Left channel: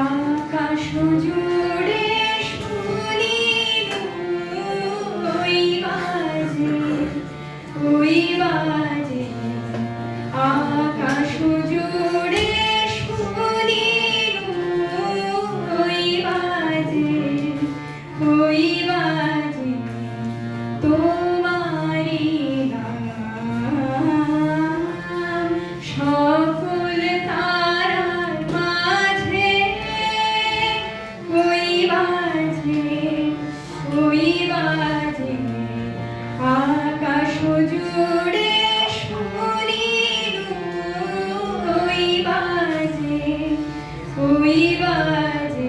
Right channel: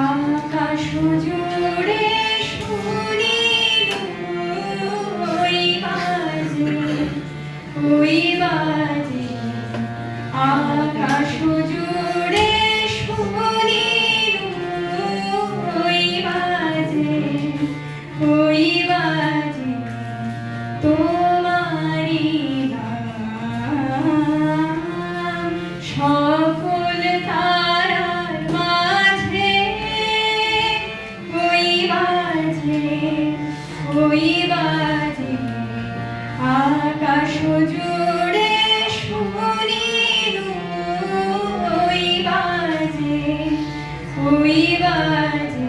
আকাশ জুড়ে শুনি ওই বাজে আকাশ জুড়ে শুনি ওই বাজে তোমারি নাম সকল তারার মাঝে ওই বাজে আকাশ জুড়ে শুনি ওই বাজে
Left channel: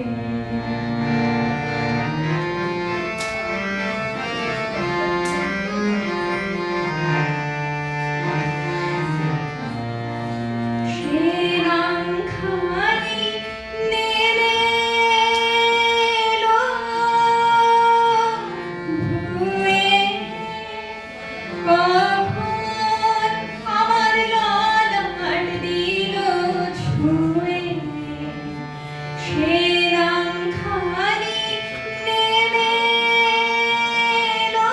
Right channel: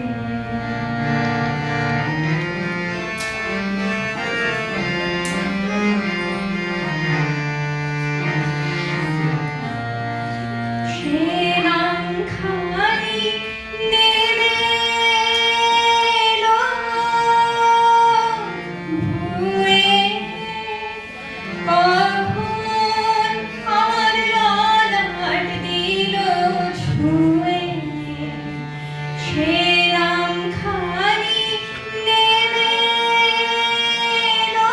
সে নাম খালি নেমে এলো ভুয়ে কখন আমার ললাট দিল ছুঁয়ে সে নাম খালি নেমে এলো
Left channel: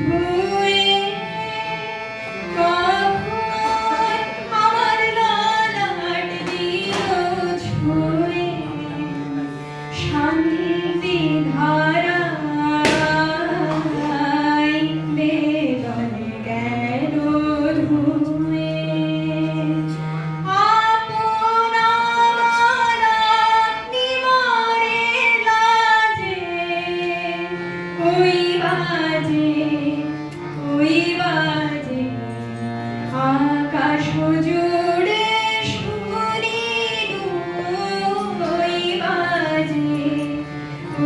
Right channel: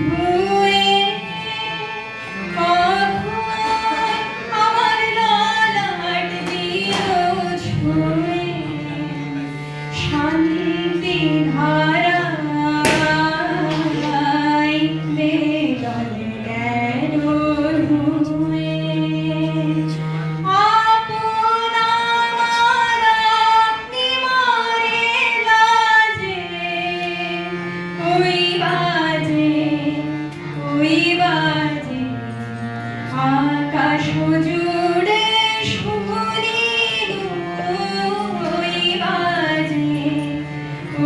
ভুয়ে কখন আমার ললাট দিল ছুঁয়ে শান্তি ধারায় বেদন গেল ধুয়ে আপন আমার আপনি মরে লাজে ওই বাজে আকাশ জুড়ে শুনি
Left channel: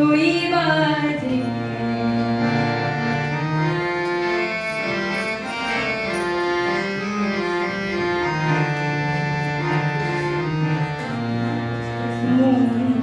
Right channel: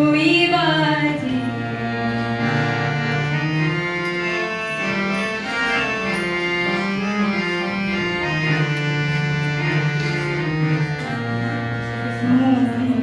ওই বাজে মন